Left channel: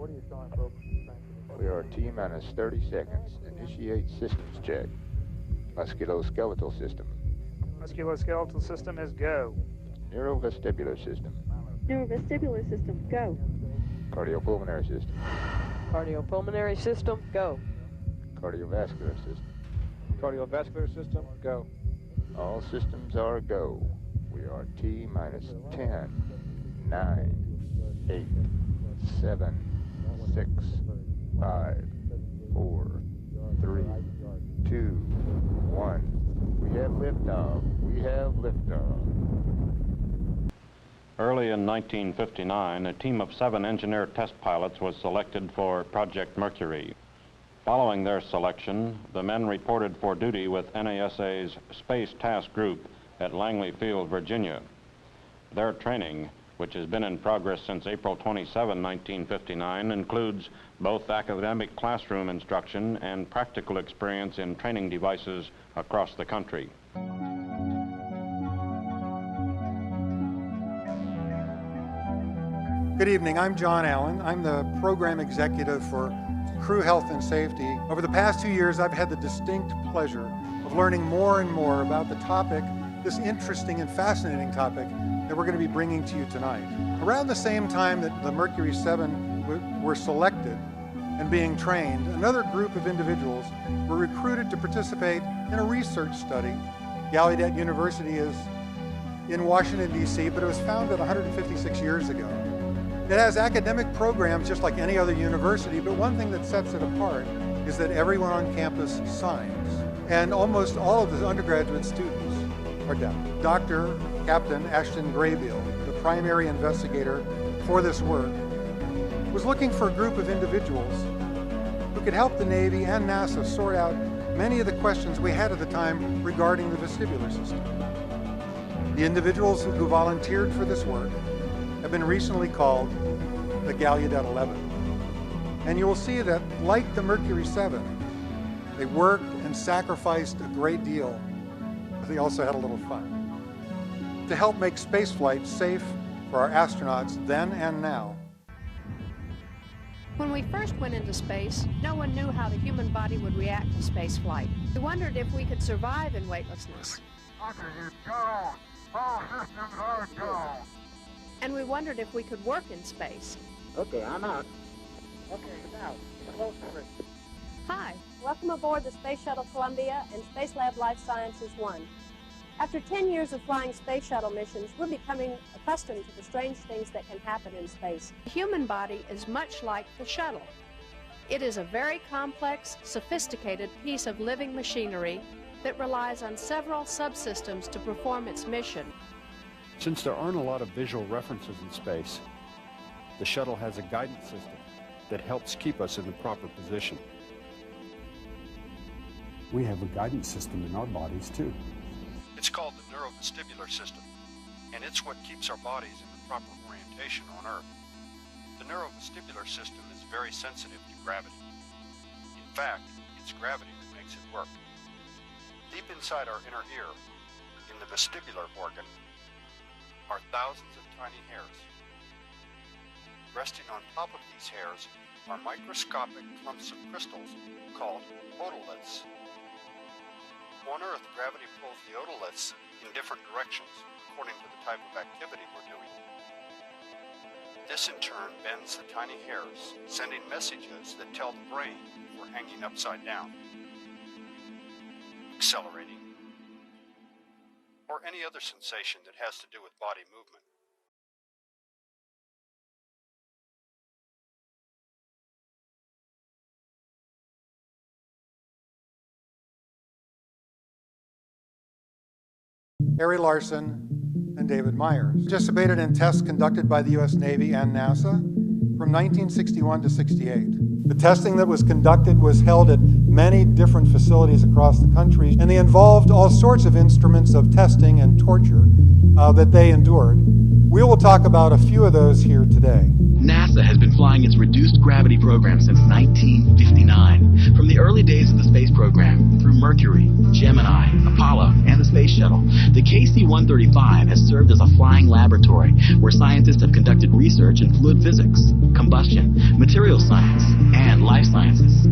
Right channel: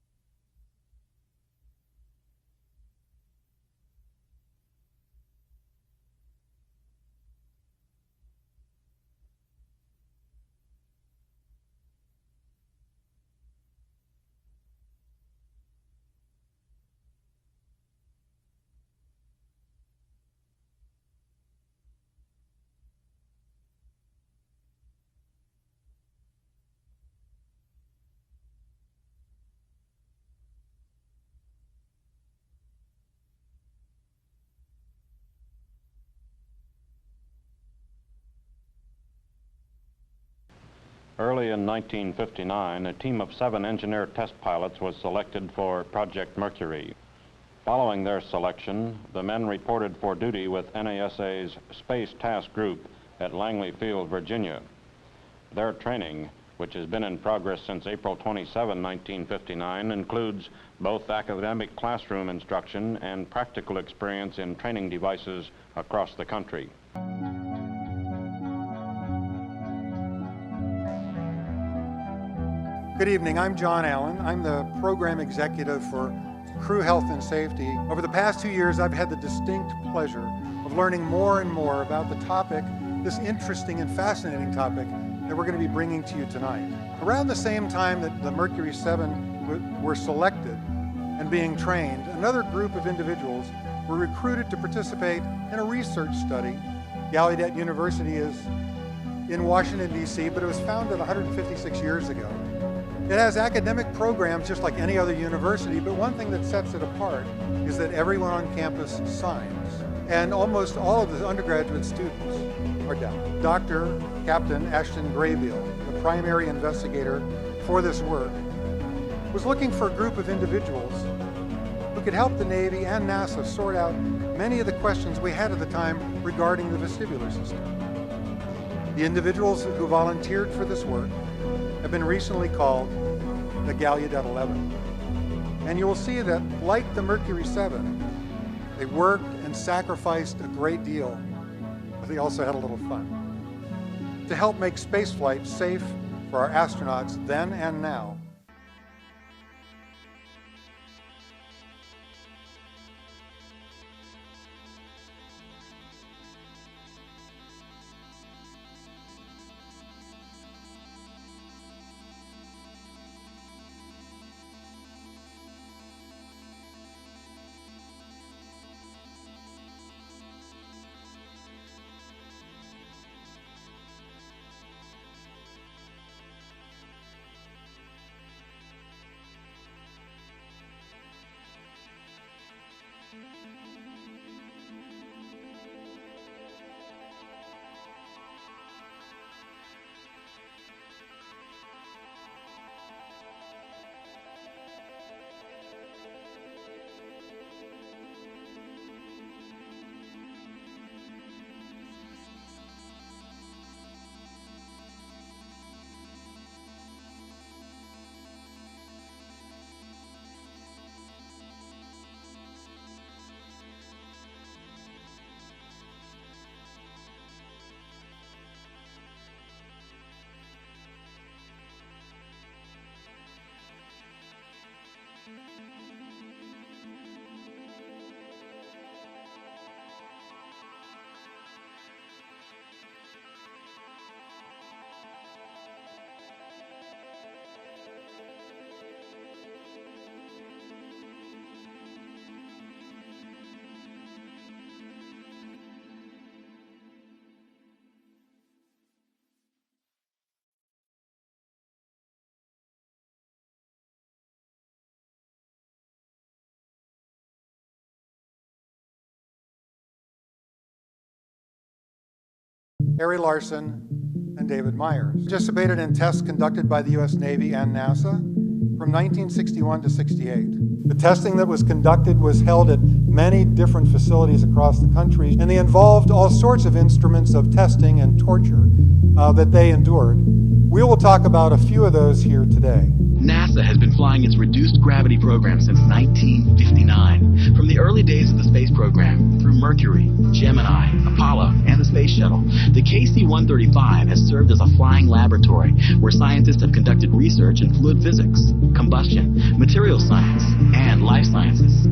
what are you showing, folks? We are T-minus 30 seconds. Initiate systems check. Musculoskeletal system. Musculoskeletal system is go. Neurovestibular system. Neurovestibular system, go. Cardiopulmonary system. Cardiopulmonary system, go. Cardiovascular system. Cardiovascular system, go. All systems are go. We are T-minus 10, 9, 8, 7, 6, 5, 4, 3, 2, 1. We have liftoff. We have liftoff. Early in 1959, a team of 7 engineer test pilots was selected for Project Mercury. Following their selection, the men reported for duty with NASA's Space Task Group at Langley Field, Virginia. Their training, which has been in progress since April 27, 1959, includes both academic classroom instruction and practical experience in training devices across the country. When we first went into space, no one knew how the human body would react to space flight. We wondered if we could survive in weightlessness. And we wondered if we could work in space. Okay, I'm out. Okay, now, close for it. Hi, welcome aboard the Space Shuttle Columbia and Space Lab Life Sciences 1. After 10 years of flying space shuttle missions, we're becoming accustomed to the strange things that can happen in space. The human body is much like the shuttle. It is a very complex, sophisticated piece of living machinery that relies on several subsystems to perform its mission. Since there aren't a lot of visual references in space, the shuttle has a guidance system that helps keep us in the proper position. We have a guidance system in our bodies too. It's called the neurovestibular system, and it's what keeps our bodies in the proper orientation on Earth. The neurovestibular system is very sensitive to gravity. In fact, it's gravity that makes it work. Deep inside our inner ear, in the vestibular organ, are thousands of tiny hairs. Resting on top of these hairs are microscopic clumps of crystals called otoliths. On Earth, gravity pulls the otoliths in different directions according to the type of activity we're doing. This in turn bends the tiny hairs, sending messages that tell the brain we're hanging upside down, accelerating, or any other sensation that has to do with body movement. flying its reduced gravity program since 1959. From the early days of the space program, through Mercury, Gemini, Apollo, and the Space Shuttle, the KC-135 has served as a flying laboratory where scientists have conducted research in fluid physics, combustion, material science, and life sciences.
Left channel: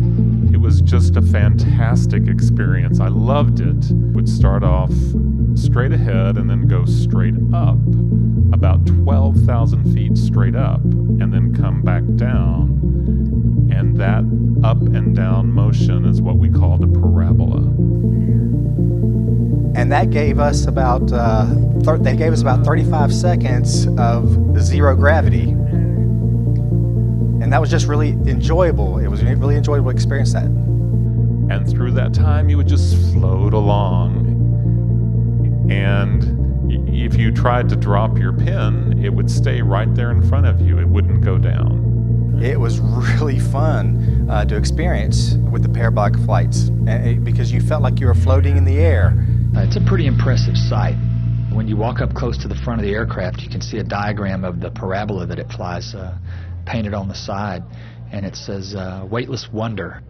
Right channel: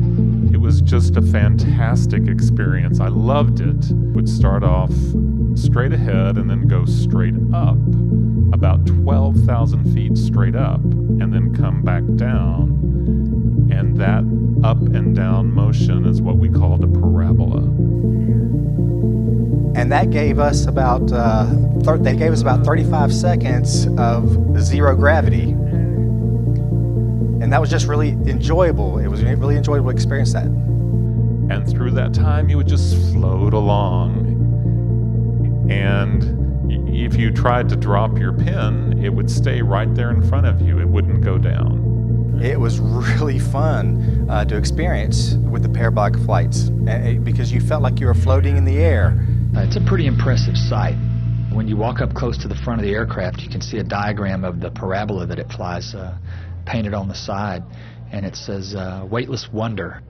It's a pretty impressive sight. When you walk up close to the front of the aircraft, you can see a diagram of the parabola that it flies painted on the side, and it says weightless wonder.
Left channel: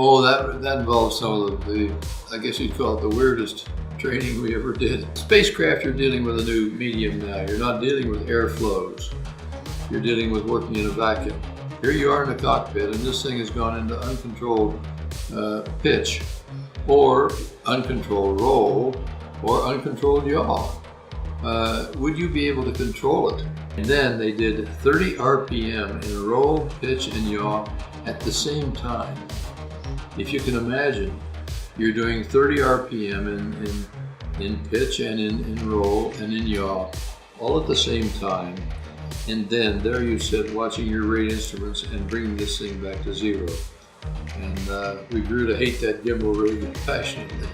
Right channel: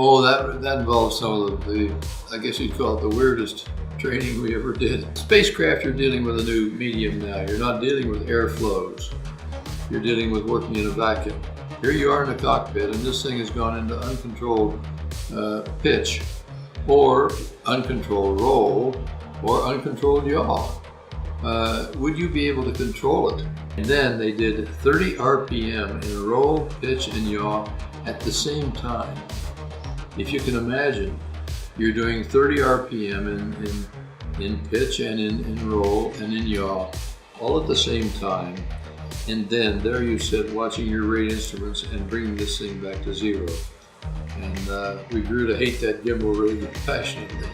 Oh, that involves some of the, I guess you'd call it the weirdest training we ever did. Spacecraft, you're dealing with a new medium now. You're not dealing with airflows. You're dealing with working in a vacuum. Here you are in a cockpit, and this thing has gone into uncontrolled pitch, or uncontrolled roll, or uncontrolled yaw. Would you be able to control it? And then they did 30 RPM in roll, pitch, and yaw at the same time. If you can imagine, you're doing 30 RPM in pitch and in roll and in yaw, all at the same time. And then there you sit watching your rate instruments and bringing this thing back to zero. And we grew to hate that gimbal rig passionately.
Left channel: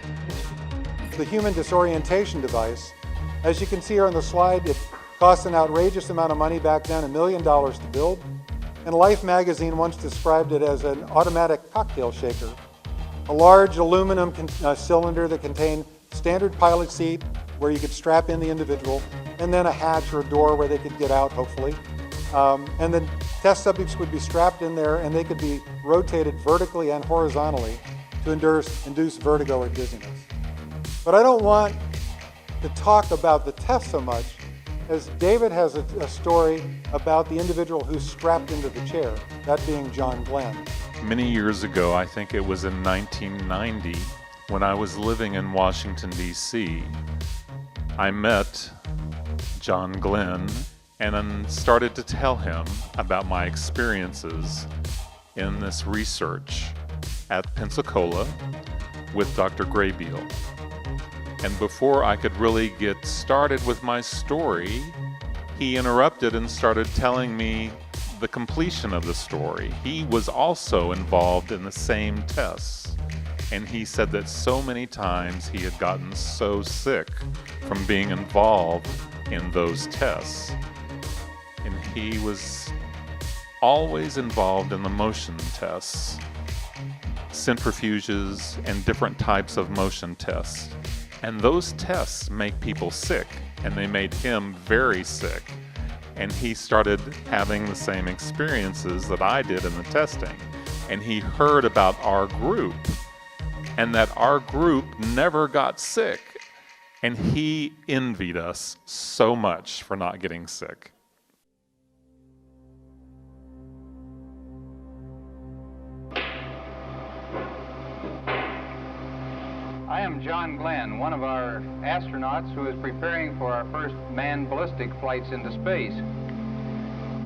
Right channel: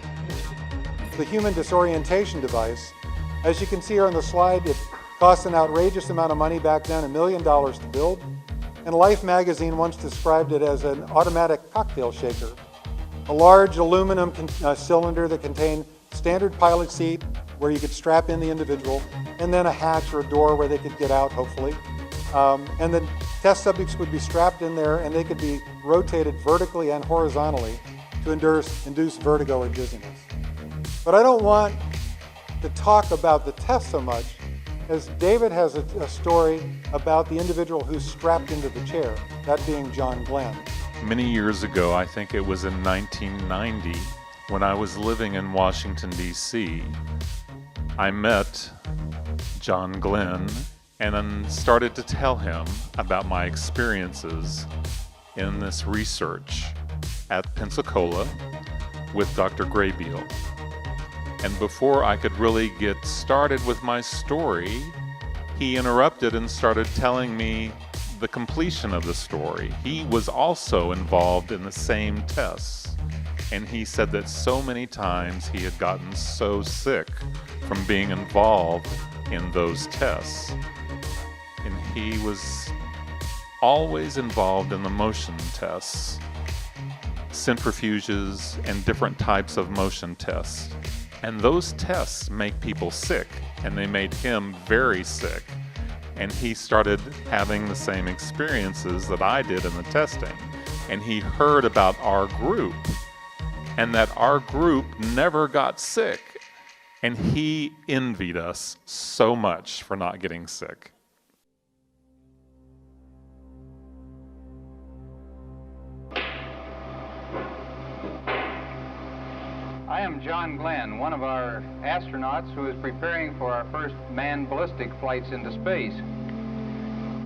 I am John Glenn, one of our astronauts who is preparing for our first manned ballistic flights into space.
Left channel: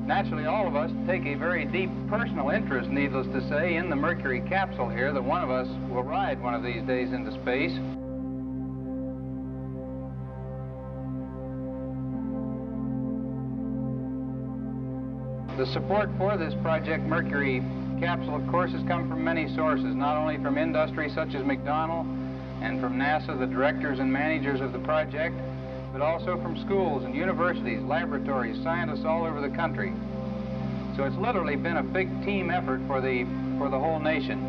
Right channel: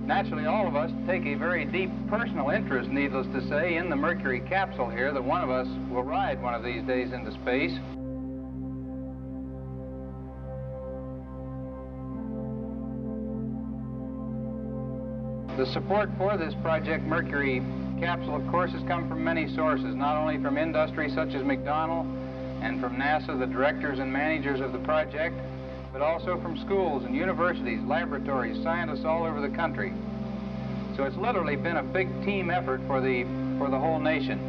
Naturally, all of us take a very deep personal interest, needless to say, in the Mercury capsule here, that one of us will ride one of these days into space. The support for this Project Mercury capsule, of course, has come from many sources, not only from industry such as McDonnell and from NASA, the directors and managers of the project, but also from schools and universities, laboratories, scientists all over the country. So it's literally been a big team effort for the whole nation.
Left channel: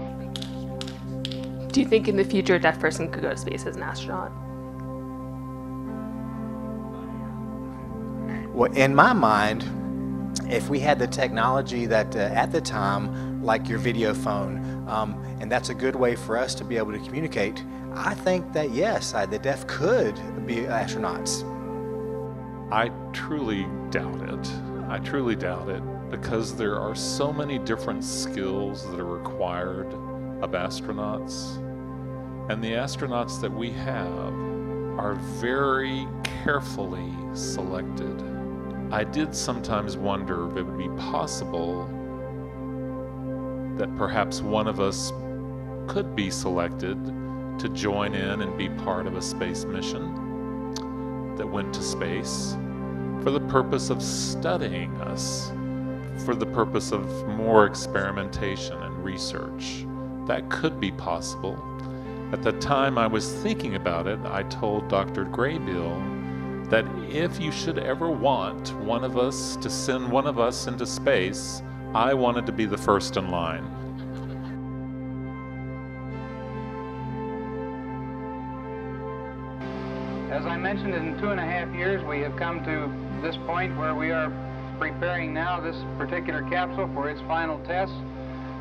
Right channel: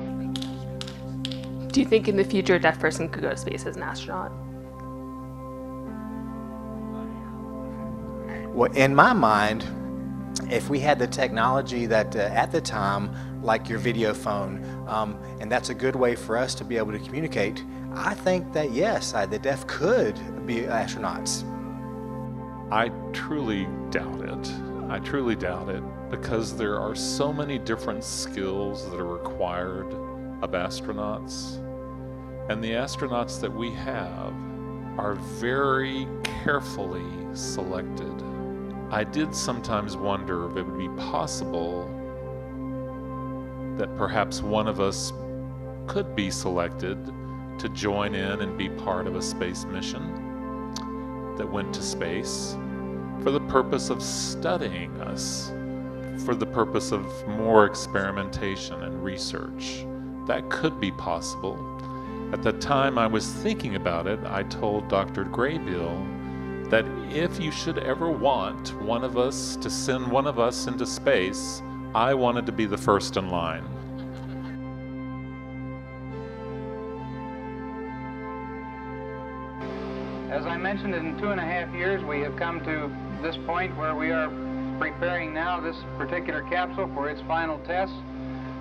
As I mentioned, in 2.5 years, we have come to this point where we are preparing now this particular capsule for its final tests,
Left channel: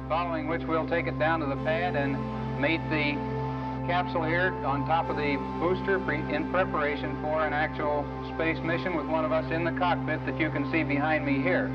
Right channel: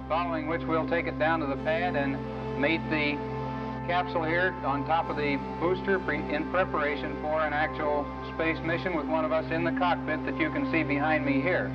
following which we'll take it down to the pad and mate the capsule here on top of the booster in preparation for an actual space mission with one of us in the cockpit that you can see behind me here.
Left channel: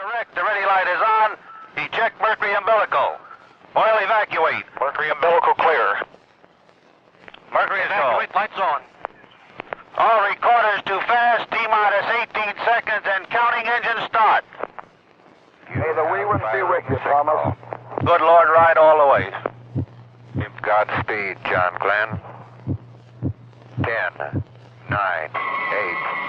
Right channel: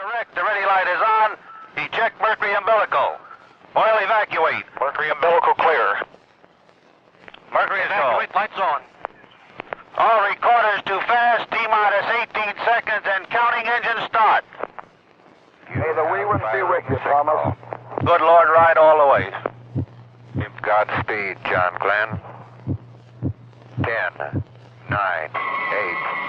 Correct, the ready light is on. Eject Mercury umbilical. Oil evacuate. Mercury umbilical clear. Mercury evacuate, lights on. All recorders too fast, T-minus 18 seconds and counting engine start. May the wee ones be with you, Thomas. Good Lord, ride all the way. Godspeed, John Glenn. 10, 9, 8,